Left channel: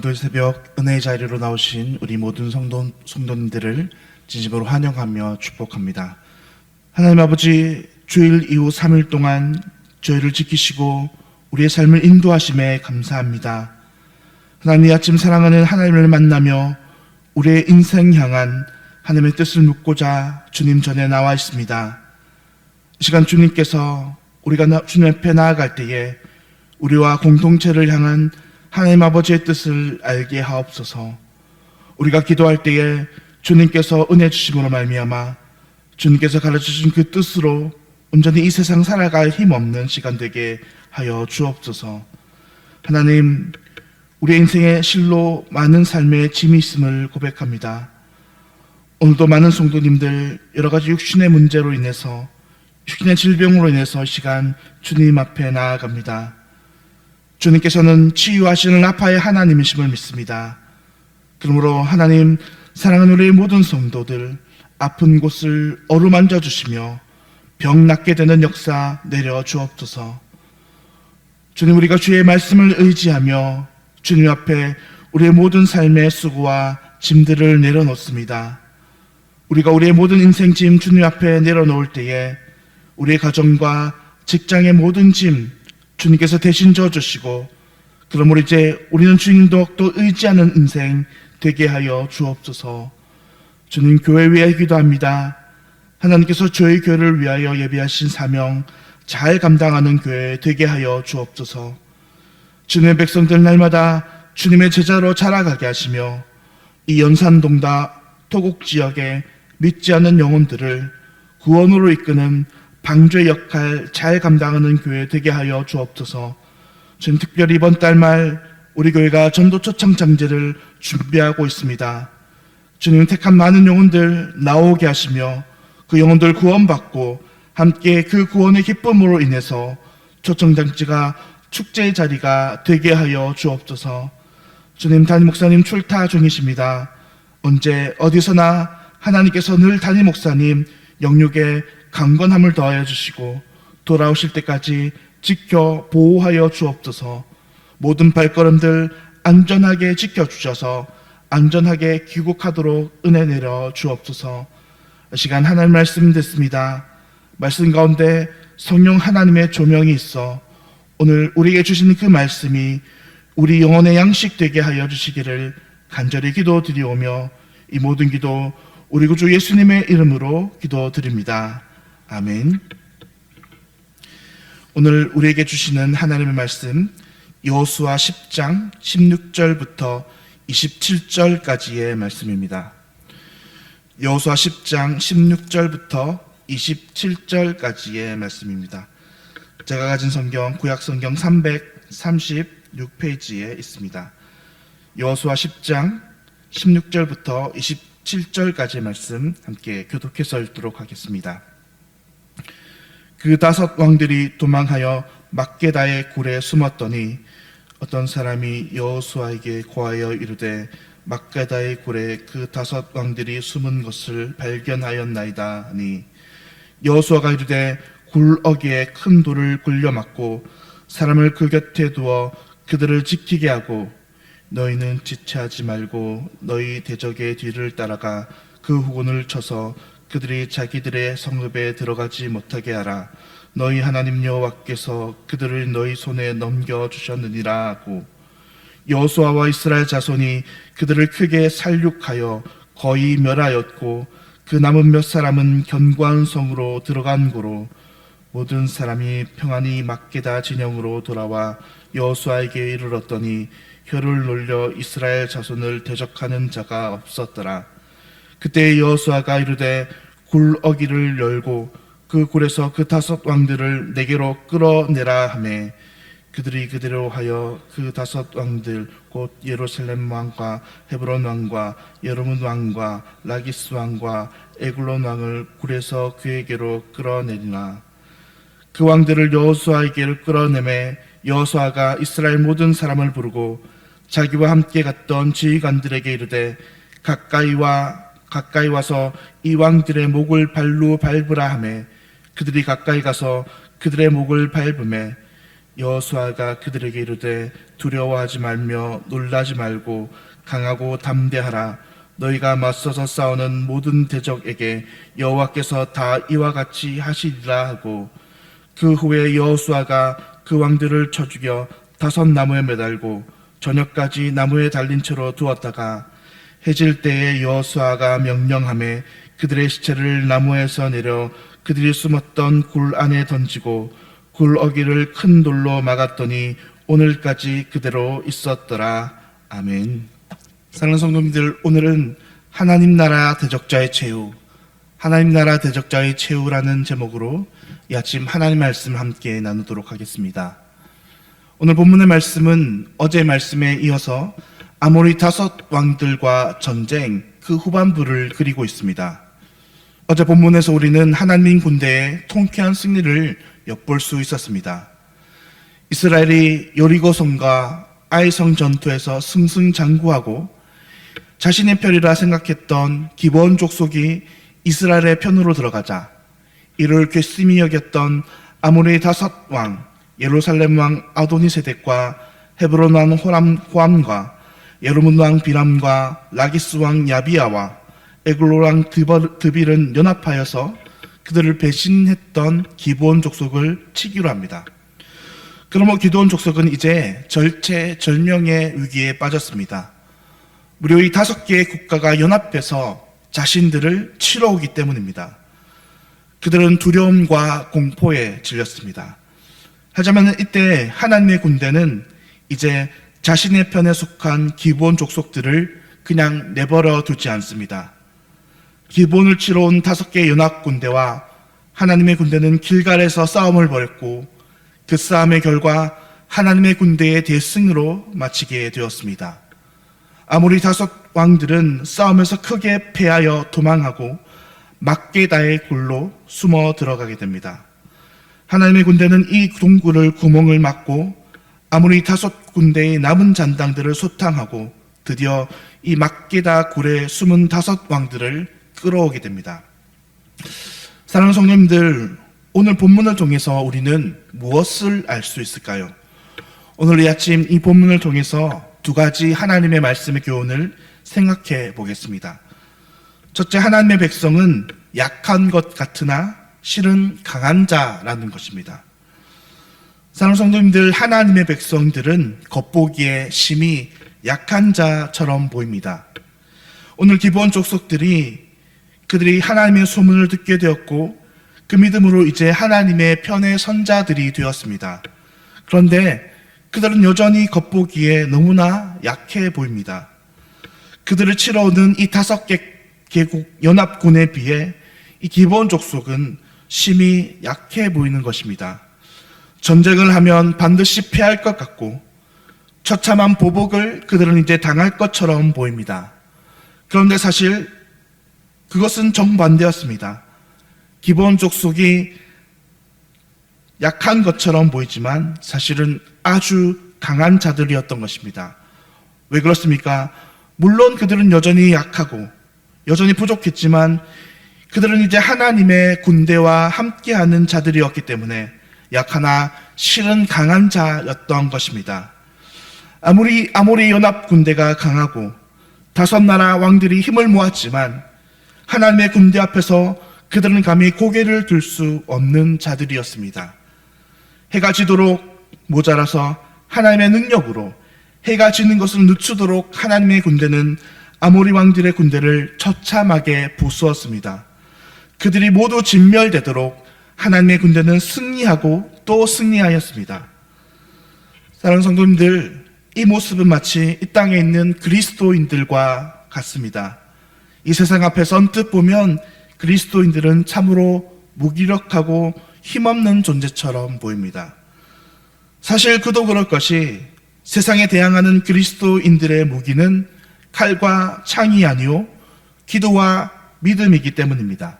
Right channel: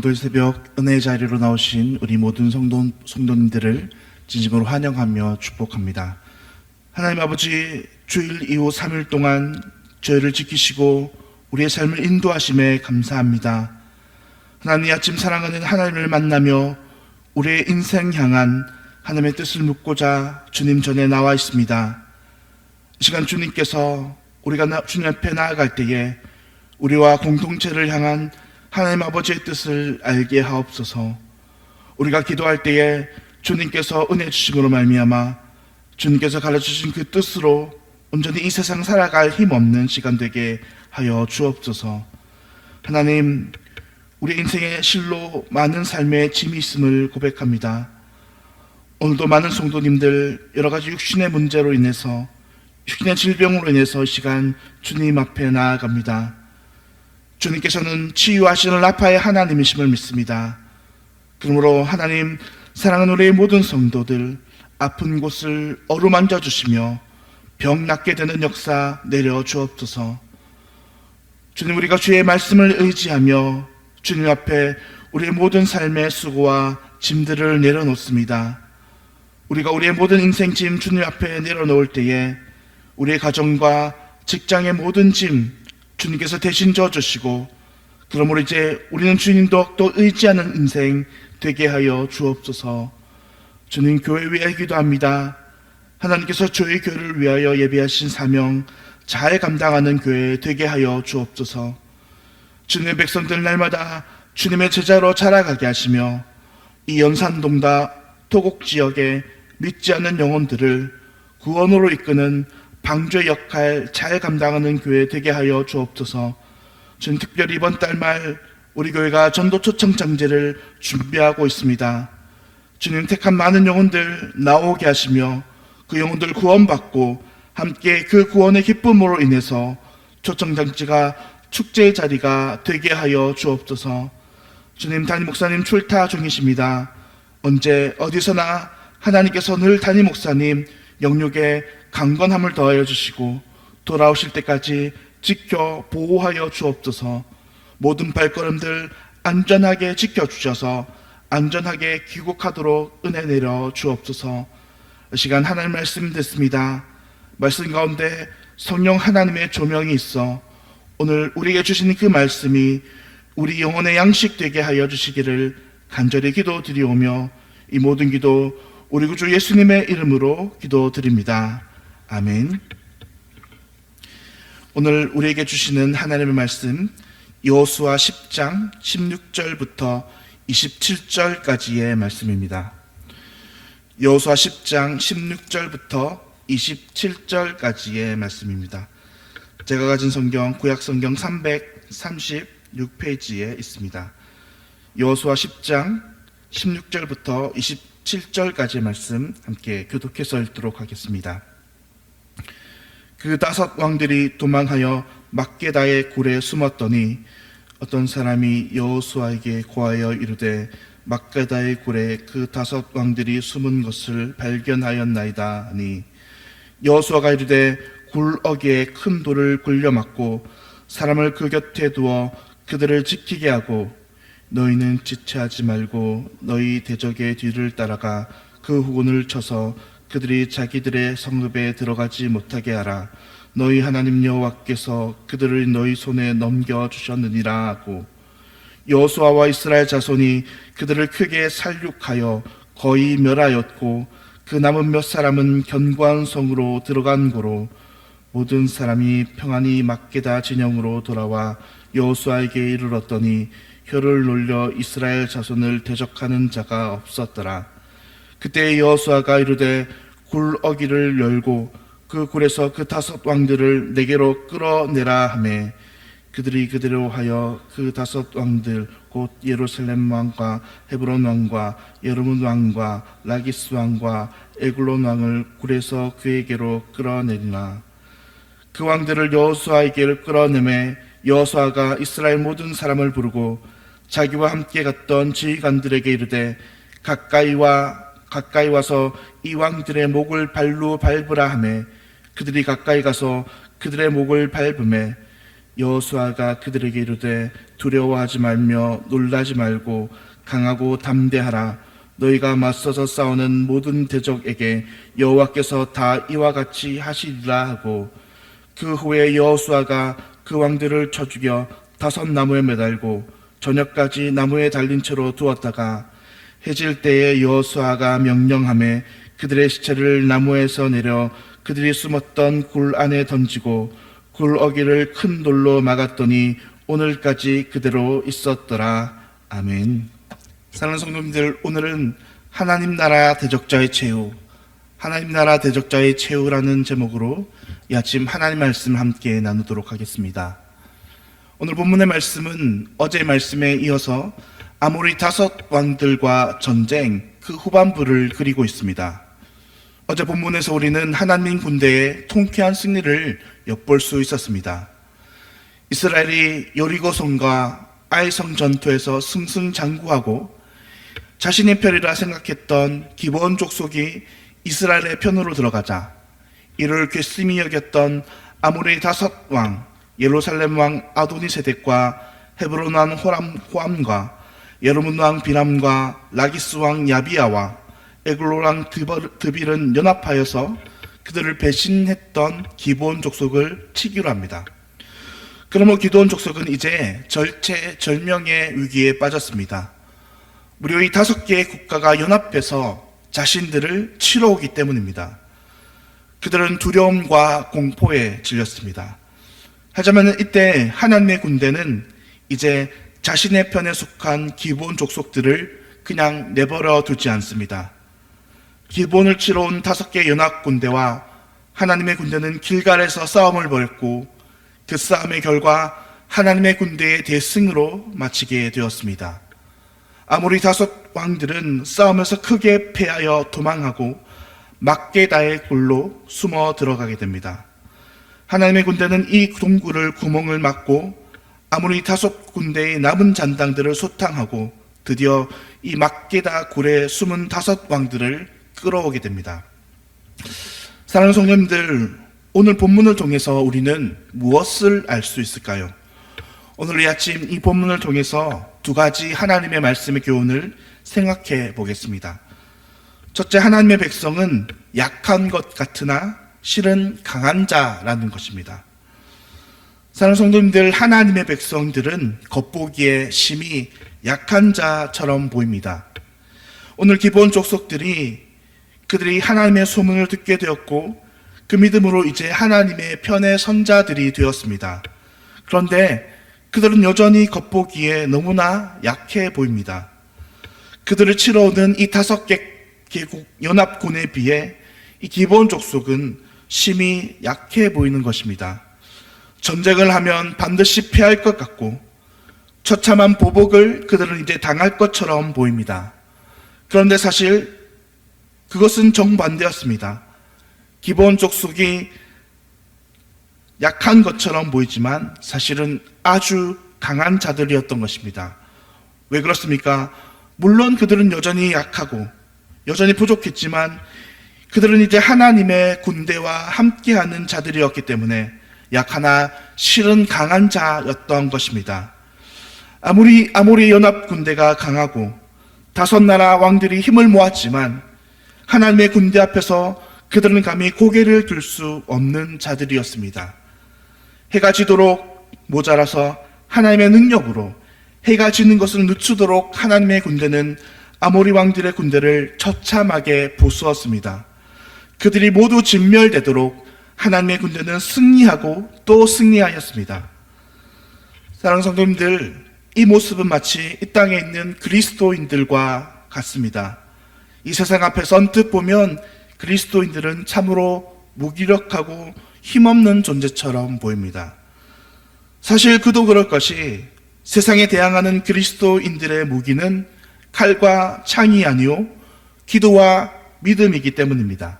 오늘도 새벽 은혜의 자리로 나오신 우리 모든 성도님들을 진심으로 환영하며 축복합니다. 하나님 아버지, 주일 이후 3일 동안 저희를 지키시고 우리의 삶을 인도하심에 감사합니다. 하나님, 이 아침 사랑하는 하나님을 만나며 우리의 인생 향한 하나님의 뜻을 묻고자 주님 전에 나와 있습니다. 이 시간 주님께서 우리가 주님 앞에 나아갈 때에 우리와 공동체를 향한 하나님 아버지의 뜻을 알게 하옵소서. 우리가 기도할 때에 주님께서 은혜 주심으로 말미암아 주님께서 가르쳐주신 그 뜻으로 온전히 이 세상 살아갈 힘없는 시간 되게 하여 주옵소서. 하나님, 우리의 인생에 실로 많은 삶의 짐이 있음을 고백합니다. 오늘도 많은 성도님들 여러 가지 육신의 문제로 인해서, 육신의 질병으로 인해서 이 시간 주님 앞에 나아갑니다. 주님께서는 치유하시는 라파의 하나님이심을 믿습니다. 그러므로 하나님, 사랑하는 우리의 모든 성도들 아픈 곳을 어루만져 주시며 병 낫게 되는 역사 내려 주옵소서. 주님, 우리가 주의 말씀을 의지하며 주님 앞에 우리의 모든 삶의 수고와 짐들을 내려놓습니다. 우리가 우리의 모든 인생 짐 주님 앞에 내려놓을 때에 우리의 가정과 직장의 모든 짐 주님께서 대신 져주시고, 그러므로 이제 우리는 주님도 또 의지하는 인생 되게 하여 주옵소서. 주님, 교회 위해 기도합니다. 하나님께서 저희 교회를 위하여 예비하신 사명 잘 감당하는 교회 되게 하여 주옵소서. 주님의 백성들 날마다 주님의 제자로 자라가게 하시며 이 연산동다 토곡 지역에 믿지 않는 영혼들을 구원으로 이끄는 방주의 역할 잘 감당하는 교회 되게 하여 주옵소서. 저는 특별히 이번 달 말 우리 교회가 전도 초청 장제를 준비하고 있습니다. 주님, 택한 많은 영혼들 나오게 하시며 그 영혼들 구원받고 함께 그 구원의 기쁨으로 인해서 초청 장제가 축제의 자리가 되게 하여 주옵소서. 주님, 담임 목사님 출타 중이십니다. 언제 어디서나 하나님께서 늘 담임 목사님 영육에 강건함을 더하여 주시고 돌아오실 때까지 지켜 보호하여 주옵소서. 모든 발걸음들 안전하게 지켜주셔서 안전하게 귀국하도록 은혜 내려 주옵소서. 이 시간 하나님 말씀 듣습니다. 말씀 가운데 성령 하나님의 조명이 있어 오늘 우리에게 주시는 그 말씀이 우리 영혼의 양식 되게 하여 주시기를 간절히 기도드리오며 이 모든 기도 우리 구주 예수님의 이름으로 기도드립니다. 아멘. 오늘 우리에게 주시는 하나님의 말씀 여호수아 10장 16절부터 27절까지의 말씀입니다. 여호수아 10장 16절부터 27절까지의 말씀입니다. 제가 가진 성경 구약 성경 336페이지에 있습니다. 여호수아 10장 16절부터 27절까지의 말씀 함께 교독해서 읽도록 하겠습니다. 그 5 왕들이 도망하여 막게다의 굴에 숨었더니 어떤 사람이 여호수아에게 고하여 이르되 막게다의 굴에 그 5 왕들이 숨은 것을 발견하였나이다 하니 여호수아가 이르되 굴어기에 큰 돌을 굴려 막고 사람을 그 곁에 두어 그들을 지키게 하고 너희는 지체하지 말고 너희 대적의 뒤를 따라가 그 후군을 쳐서 그들이 자기들의 성읍에 들어가지 못하게 하라. 너희 하나님 여호와께서 그들을 너희 손에 넘겨주셨느니라 하고 여호수아와 이스라엘 자손이 그들을 크게 살육하여 거의 멸하였고 그 남은 몇 사람은 견고한 성으로 들어간 고로 모든 사람이 평안히 막게다 진영으로 돌아와 여호수아에게 이르렀더니 혀를 놀려 이스라엘 자손을 대적하는 자가 없었더라. 그때 여호수아가 이르되 굴어기를 열고 그 굴에서 그 5 왕들을 내게로 끌어내라 하매 그들이 그대로 하여 그 5 왕들 곧 예루살렘 왕과 헤브론 왕과 여르문 왕과 라기스 왕과 에글론 왕을 굴에서 그에게로 끌어내리나 그 왕들을 여호수아에게로 끌어내매 여호수아가 이스라엘 모든 사람을 부르고 자기와 함께 갔던 지휘관들에게 이르되 가까이 와서 이 왕들의 목을 발로 밟으라 하매 그들이 가까이 가서 그들의 목을 밟으매 여호수아가 그들에게 이르되 두려워하지 말며 놀라지 말고 강하고 담대하라. 너희가 맞서서 싸우는 모든 대적에게 여호와께서 다 이와 같이 하시리라 하고, 그 후에 여호수아가 그 왕들을 쳐 죽여 5 나무에 매달고 저녁까지 나무에 달린 채로 두었다가 해질 때에 여호수아가 명령하매 그들의 시체를 나무에서 내려 그들이 숨었던 굴 안에 던지고 굴 어귀를 큰 돌로 막았더니 오늘까지 그대로 있었더라. 아멘. 사랑하는 성도님들, 오늘은 하나님 나라 대적자의 최후, 하나님 나라 대적자의 최후라는 제목으로 이 아침 하나님 말씀 함께 나누도록 하겠습니다. 오늘 본문의 말씀은 어제 말씀에 이어서 아모리 5 왕들과 전쟁 그 후반부를 그리고 있습니다. 어제 본문에서 우리는 하나님 군대의 통쾌한 승리를 엿볼 수 있었습니다. 이스라엘이 여리고성과 아이성 전투에서 승승장구하고 자신의 편이라 생각했던 기브온 족속이 이스라엘의 편으로 들어가자 이를 괘씸히 여겼던 아모리 5 왕, 예루살렘 왕 아도니세덱과 헤브론 왕 호람과 여르문 왕 비람과 라기스 왕 야비야와 에글로 왕 드빌은 연합하여서 그들을 배신했던 기브온 족속을 치기로 합니다. 그러므로 기브온 족속은 이제 절체절명의 위기에 빠졌습니다. 무려 이 5개의 국가가 연합해서 자신들을 치러 오기 때문입니다. 그들은 두려움과 공포에 질렸습니다. 하지만 이때 하나님의 군대는 이제 자신의 편에 속한 기브온 족속들을 그냥 내버려 두지 않습니다. 기브온을 치러 온 5개의 연합 군대와 하나님의 군대는 길갈에서 싸움을 벌였고 그 싸움의 결과 하나님의 군대의 대승으로 마치게 되었습니다. 아모리 5 왕들은 싸움에서 크게 패하여 도망하고 막게다의 굴로 숨어 들어가게 됩니다. 하나님의 군대는 이 동굴을 구멍을 막고 아모리 5 군대의 남은 잔당들을 소탕하고 드디어 이 막게다 굴에 숨은 5 왕들을 끌어오게 됩니다. 사랑하는 성도님들, 오늘 본문을 통해서 우리는 무엇을 알 수 있을까요? 오늘 이 아침 이 본문을 통해서 2가지 하나님의 말씀의 교훈을 생각해 보겠습니다. 첫째, 하나님의 백성은 약한 것 같으나 실은 강한 자라는 것입니다. 사랑하는 성도님들, 하나님의 백성들은 겉보기에 심히 약한 자처럼 보입니다. 오늘 기브온 족속들이 그들이 하나님의 소문을 듣게 되었고 그 믿음으로 이제 하나님의 편의 선자들이 되었습니다. 그런데 그들은 여전히 겉보기에 너무나 약해 보입니다. 그들을 치러 오는 이 5개 개국 연합군에 비해 이 기브온 족속은 심히 약해 보이는 것입니다. 전쟁을 하면 반드시 패할 것 같고 처참한 보복을 그들은 이제 당할 것처럼 보입니다. 그런데 사실 그것은 정반대였습니다. 기브온 족속이 약한 것처럼 보이지만 사실은 아주 강한 자들이었던 것입니다. 왜 그렇습니까? 물론 그들은 여전히 약하고 여전히 부족했지만 그들은 이제 하나님의 군대와 함께하는 자들이었기 때문에 약하나 실은 강한 자였던 것입니다. 아무리 연합 군대가 강하고 5 나라 왕들이 힘을 모았지만 하나님의 군대 앞에서 그들은 감히 고개를 들 수 없는 자들이었습니다. 해가 지도록 모자라서 하나님의 능력으로 해가 지는 것을 늦추도록 하나님의 군대는 아모리 왕들의 군대를 처참하게 부수었습니다. 그들이 모두 진멸되도록 하나님의 군대는 승리하고 또 승리하였습니다. 사랑하는 성도님들, 이 모습은 마치 이 땅에 있는 그리스도인들과 같습니다. 이 세상 앞에서 언뜻 보면 그리스도인들은 참으로 무기력하고 힘없는 존재처럼 보입니다. 사실 그도 그럴 것이 세상에 대항하는 그리스도인들의 무기는 칼과 창이 아니요 기도와 믿음이기 때문입니다.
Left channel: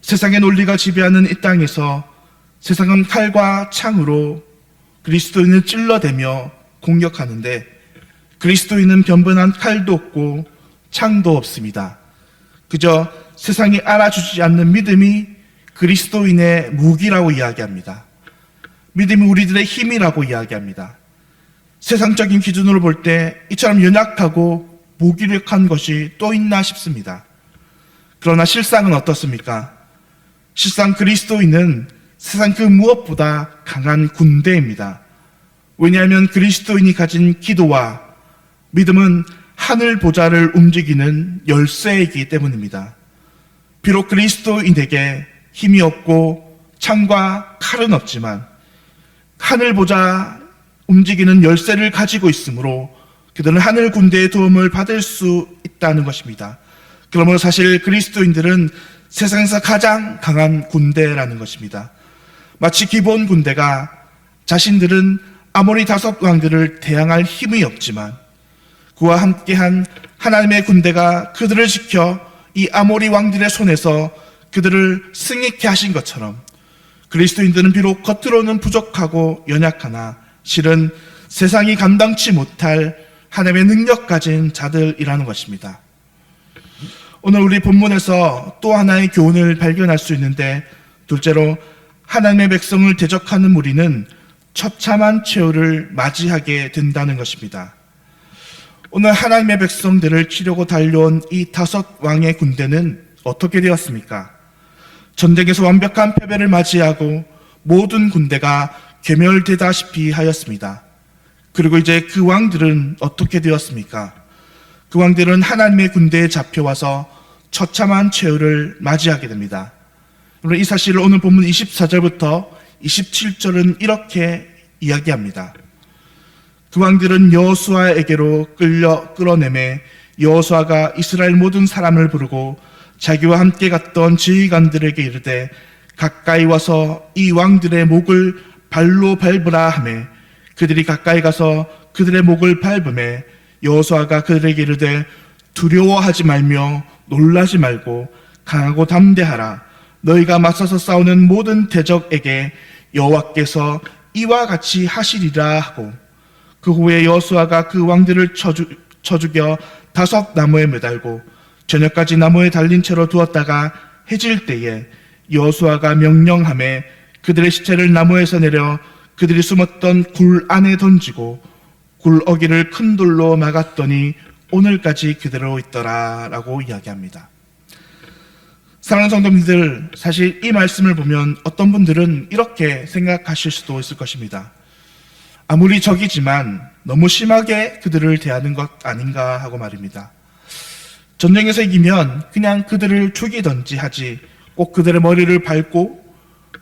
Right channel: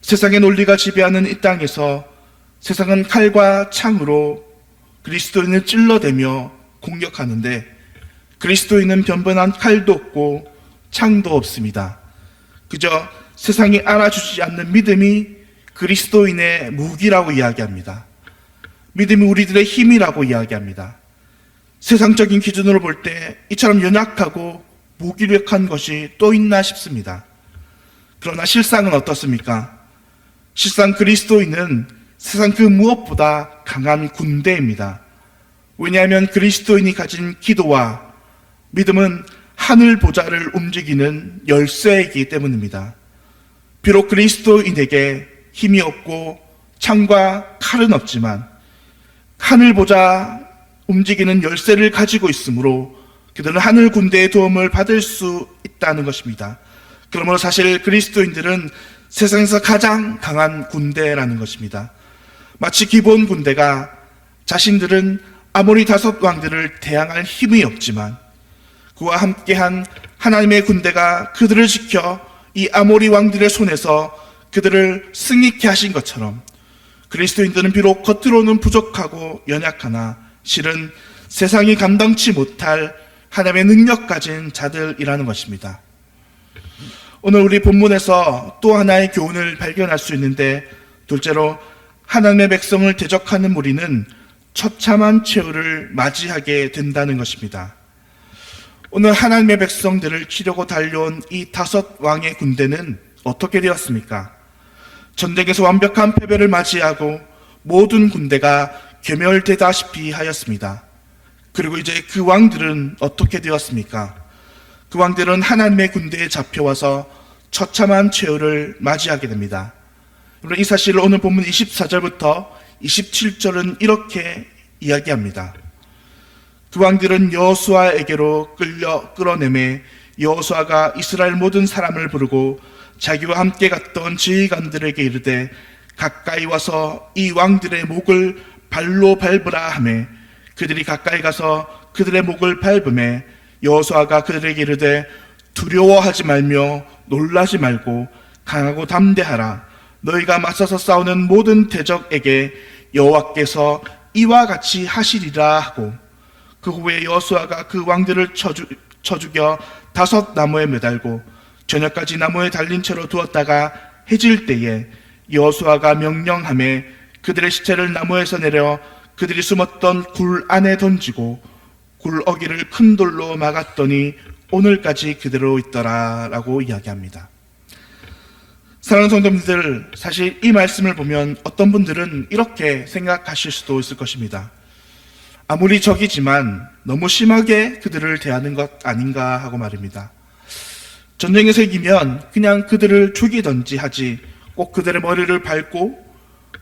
세상의 논리가 지배하는 이 땅에서 세상은 칼과 창으로 그리스도인을 찔러대며 공격하는데 그리스도인은 변변한 칼도 없고 창도 없습니다. 그저 세상이 알아주지 않는 믿음이 그리스도인의 무기라고 이야기합니다. 믿음이 우리들의 힘이라고 이야기합니다. 세상적인 기준으로 볼 때 이처럼 연약하고 무기력한 것이 또 있나 싶습니다. 그러나 실상은 어떻습니까? 실상 그리스도인은 세상 그 무엇보다 강한 군대입니다. 왜냐하면 그리스도인이 가진 기도와 믿음은 하늘 보좌를 움직이는 열쇠이기 때문입니다. 비록 그리스도인에게 힘이 없고 창과 칼은 없지만 하늘 보좌 움직이는 열쇠를 가지고 있으므로 그들은 하늘 군대의 도움을 받을 수 있다는 것입니다. 그러므로 사실 그리스도인들은 세상에서 가장 강한 군대라는 것입니다. 마치 기본 군대가 자신들은 아모리 다섯 왕들을 대항할 힘이 없지만 그와 함께한 하나님의 군대가 그들을 지켜 이 아모리 왕들의 손에서 그들을 승리케 하신 것처럼 그리스도인들은 비록 겉으로는 부족하고 연약하나 실은 세상이 감당치 못할 하나님의 능력 가진 자들이라는 것입니다. 오늘 우리 본문에서 또 하나의 교훈을 발견할 수 있는데, 둘째로 하나님의 백성을 대적하는 무리는 처참한 최후를 맞이하게 된다는 것입니다. 오늘 하나님의 백성들을 치려고 달려온 이 다섯 왕의 군대는 어떻게 되었습니까? 전쟁에서 완벽한 패배를 맞이하고 모든 군대가 괴멸되다시피 하였습니다. 그리고 이제 그 왕들은 어떻게 되었습니까? 그 왕들은 하나님의 군대에 잡혀와서 처참한 최후를 맞이하게 됩니다. 이 사실을 오늘 본문 24절부터 27절은 이렇게 이야기합니다. 그 왕들은 여호수아에게로 끌어내매 여호수아가 이스라엘 모든 사람을 부르고 자기와 함께 갔던 지휘관들에게 이르되 가까이 와서 이 왕들의 목을 발로 밟으라 하매 그들이 가까이 가서 그들의 목을 밟음에 여호수아가 그들에게 이르되 두려워하지 말며 놀라지 말고 강하고 담대하라. 너희가 맞서서 싸우는 모든 대적에게 여호와께서 이와 같이 하시리라 하고, 그 후에 여호수아가 그 왕들을 쳐 죽여 다섯 나무에 매달고 저녁까지 나무에 달린 채로 두었다가 해질 때에 여호수아가 명령하매 그들의 시체를 나무에서 내려 그들이 숨었던 굴 안에 던지고 굴 어기를 큰 돌로 막았더니 오늘까지 그대로 있더라 라고 이야기합니다. 사랑하는 성도님들, 사실 이 말씀을 보면 어떤 분들은 이렇게 생각하실 수도 있을 것입니다. 아무리 적이지만 너무 심하게 그들을 대하는 것 아닌가 하고 말입니다. 전쟁에서 이기면 그냥 그들을 죽이든지 하지 꼭 그들의 머리를 밟고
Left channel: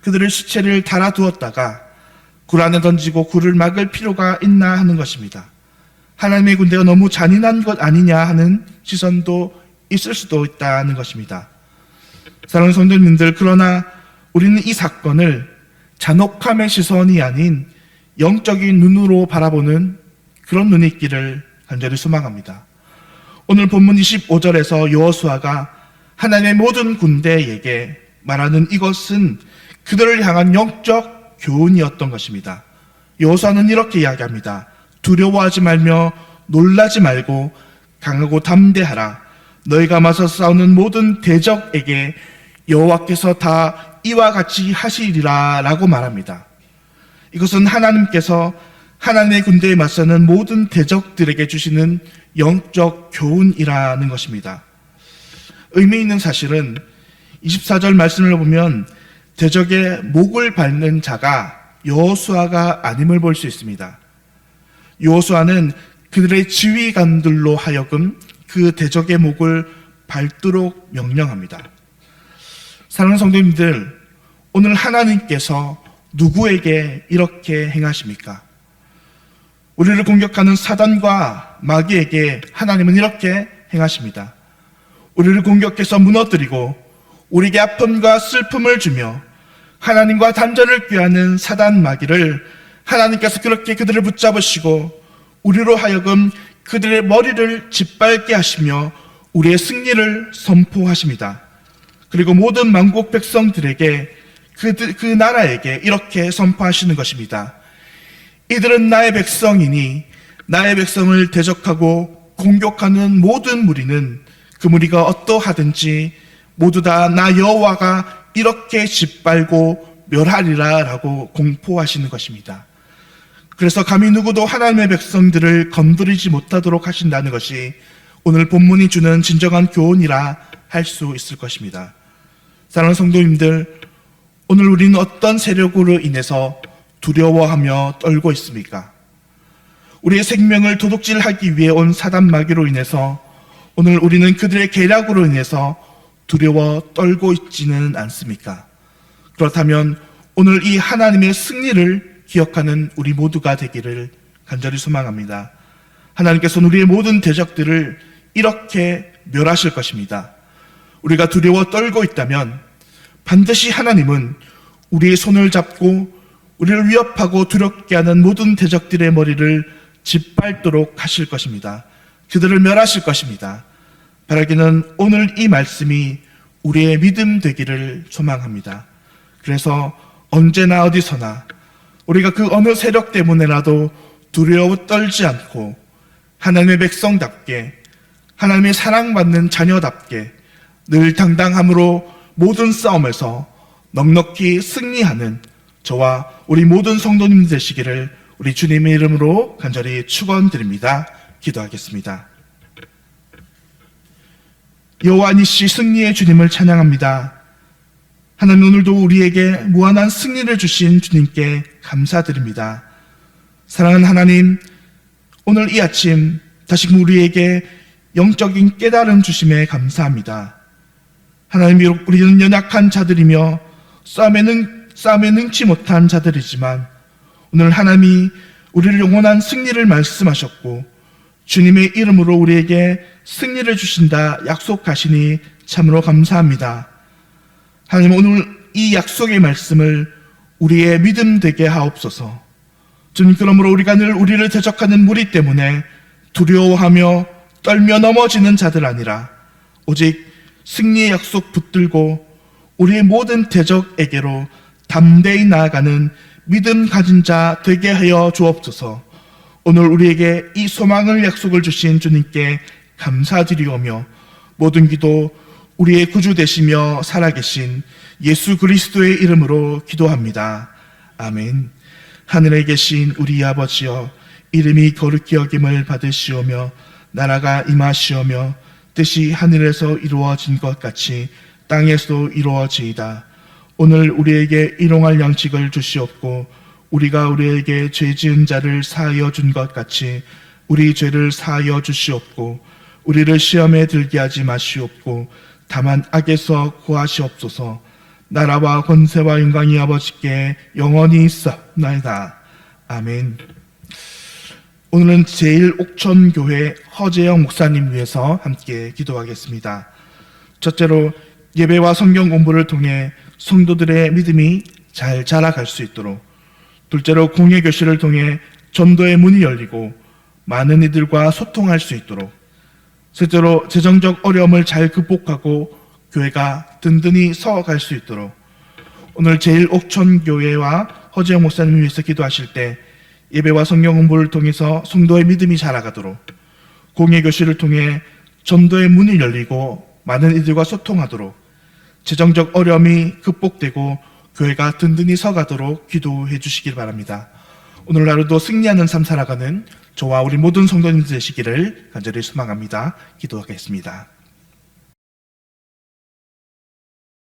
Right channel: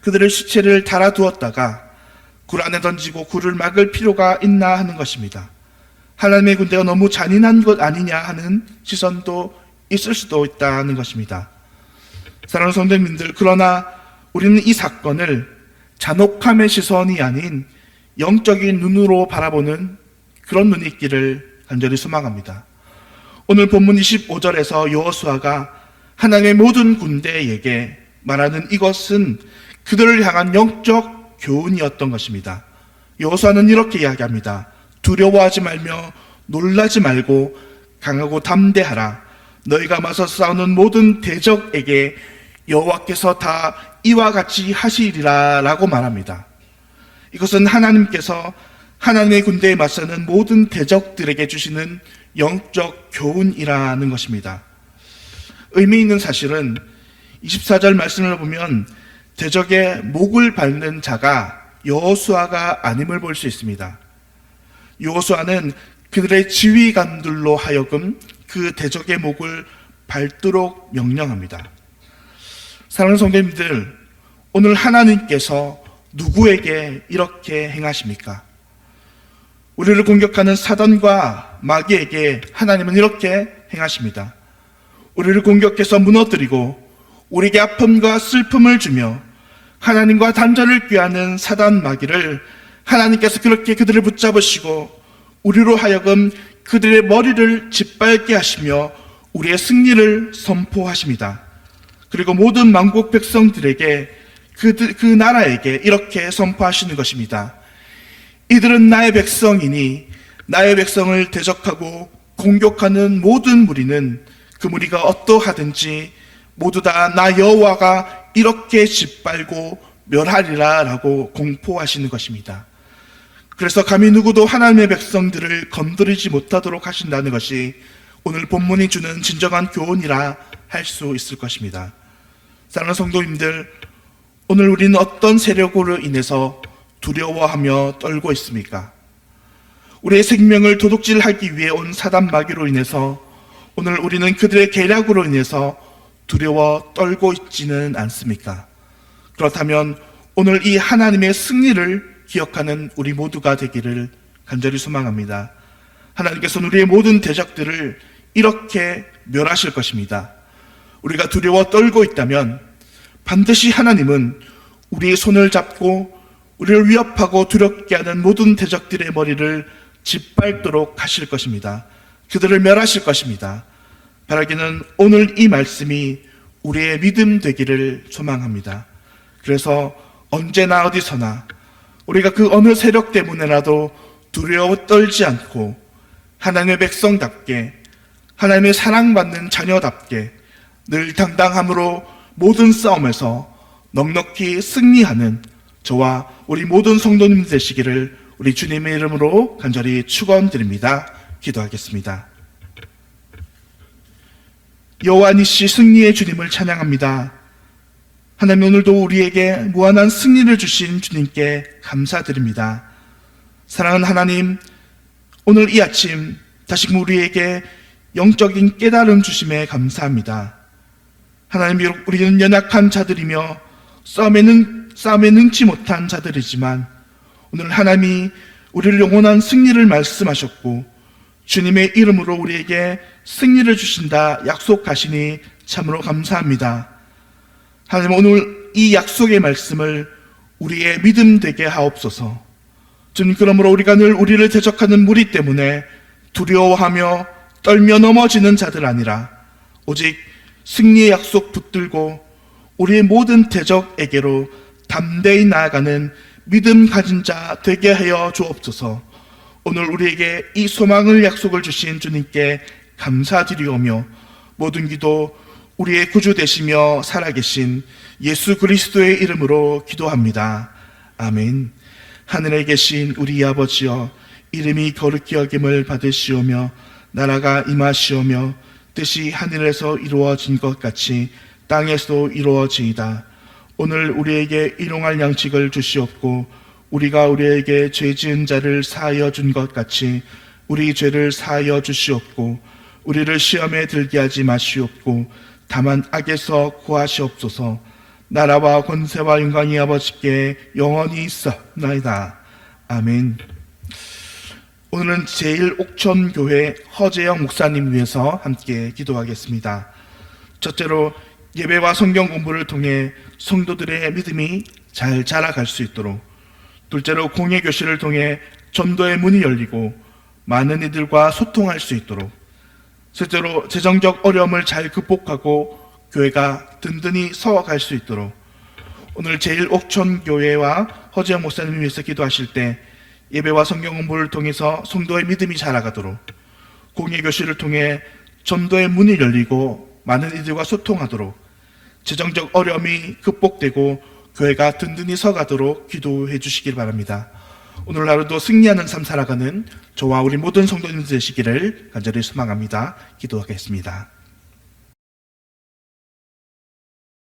그들의 시체를 달아두었다가 굴 안에 던지고 굴을 막을 필요가 있나 하는 것입니다. 하나님의 군대가 너무 잔인한 것 아니냐 하는 시선도 있을 수도 있다는 것입니다. 사랑하는 성도님들, 그러나 우리는 이 사건을 잔혹함의 시선이 아닌 영적인 눈으로 바라보는 그런 눈이 있기를 간절히 소망합니다. 오늘 본문 25절에서 여호수아가 하나님의 모든 군대에게 말하는 이것은 그들을 향한 영적 교훈이었던 것입니다. 여호수아는 이렇게 이야기합니다. 두려워하지 말며 놀라지 말고 강하고 담대하라. 너희가 맞서 싸우는 모든 대적에게 여호와께서 다 이와 같이 하시리라 라고 말합니다. 이것은 하나님께서 하나님의 군대에 맞서는 모든 대적들에게 주시는 영적 교훈이라는 것입니다. 의미 있는 사실은 24절 말씀을 보면 대적의 목을 밟는 자가 여호수아가 아님을 볼 수 있습니다. 여호수아는 그들의 지휘관들로 하여금 그 대적의 목을 밟도록 명령합니다. 사랑하는 성도님들, 오늘 하나님께서 누구에게 이렇게 행하십니까? 우리를 공격하는 사단과 마귀에게 하나님은 이렇게 행하십니다. 우리를 공격해서 무너뜨리고 우리에게 아픔과 슬픔을 주며 하나님과 단절을 꾀하는 사단 마귀를 하나님께서 그렇게 그들을 붙잡으시고 우리로 하여금 그들의 머리를 짓밟게 하시며 우리의 승리를 선포하십니다. 그리고 모든 만국 백성들에게 그 나라에게 이렇게 선포하시는 것입니다. 이들은 나의 백성이니 나의 백성을 대적하고 공격하는 모든 무리는 그 무리가 어떠하든지 모두 다 나 여호와가 이렇게 짓밟고 멸하리라라고 공포하시는 것입니다. 그래서 감히 누구도 하나님의 백성들을 건드리지 못하도록 하신다는 것이 오늘 본문이 주는 진정한 교훈이라 할 수 있을 것입니다. 사랑하는 성도님들, 오늘 우리는 어떤 세력으로 인해서 두려워하며 떨고 있습니까? 우리의 생명을 도둑질하기 위해 온 사단 마귀로 인해서 오늘 우리는 그들의 계략으로 인해서 두려워 떨고 있지는 않습니까? 그렇다면 오늘 이 하나님의 승리를 기억하는 우리 모두가 되기를 간절히 소망합니다. 하나님께서는 우리의 모든 대적들을 이렇게 멸하실 것입니다. 우리가 두려워 떨고 있다면 반드시 하나님은 우리의 손을 잡고 우리를 위협하고 두렵게 하는 모든 대적들의 머리를 짓밟도록 하실 것입니다. 그들을 멸하실 것입니다. 바라기는 오늘 이 말씀이 우리의 믿음 되기를 소망합니다. 그래서 언제나 어디서나 우리가 그 어느 세력 때문에라도 두려워 떨지 않고 하나님의 백성답게, 하나님의 사랑받는 자녀답게 늘 당당함으로 모든 싸움에서 넉넉히 승리하는 저와 우리 모든 성도님 되시기를 우리 주님의 이름으로 간절히 축원드립니다. 기도하겠습니다. 여호와 니시 승리의 주님을 찬양합니다. 하나님, 오늘도 우리에게 무한한 승리를 주신 주님께 감사드립니다. 사랑하는 하나님, 오늘 이 아침 다시금 우리에게 영적인 깨달음 주심에 감사합니다. 하나님, 비록 우리는 연약한 자들이며 싸움에 능치 못한 자들이지만 오늘 하나님이 우리를 영원한 승리를 말씀하셨고 주님의 이름으로 우리에게 승리를 주신다 약속하시니 참으로 감사합니다. 하나님, 오늘 이 약속의 말씀을 우리의 믿음 되게 하옵소서. 주님, 그러므로 우리가 늘 우리를 대적하는 무리 때문에 두려워하며 떨며 넘어지는 자들 아니라 오직 승리의 약속 붙들고 우리의 모든 대적에게로 담대히 나아가는 믿음 가진 자 되게 하여 주옵소서. 오늘 우리에게 이 소망을 약속을 주신 주님께 감사드리오며 모든 기도 우리의 구주 되시며 살아계신 예수 그리스도의 이름으로 기도합니다. 아멘. 하늘에 계신 우리 아버지여, 이름이 거룩히 여김을 받으시오며 나라가 임하시오며 뜻이 하늘에서 이루어진 것 같이 땅에서도 이루어지이다. 오늘 우리에게 일용할 양식을 주시옵고 우리가 우리에게 죄 지은 자를 사하여 준 것 같이 우리 죄를 사하여 주시옵고 우리를 시험에 들게 하지 마시옵고 다만 악에서 구하시옵소서. 나라와 권세와 영광이 아버지께 영원히 있사옵나이다. 아멘. 오늘은 제1옥천교회 허재영 목사님 위해서 함께 기도하겠습니다. 첫째로 예배와 성경 공부를 통해 성도들의 믿음이 잘 자라갈 수 있도록, 둘째로 공예 교실을 통해 전도의 문이 열리고 많은 이들과 소통할 수 있도록, 셋째로 재정적 어려움을 잘 극복하고 교회가 든든히 서갈 수 있도록 오늘 제1옥천교회와 허재영 목사님을 위해서 기도하실 때 예배와 성경 공부를 통해서 성도의 믿음이 자라가도록, 공예 교실을 통해 전도의 문이 열리고 많은 이들과 소통하도록, 재정적 어려움이 극복되고 교회가 든든히 서가도록 기도해 주시길 바랍니다. 오늘 하루도 승리하는 삶 살아가는 저와 우리 모든 성도님들 되시기를 간절히 소망합니다. 기도하겠습니다.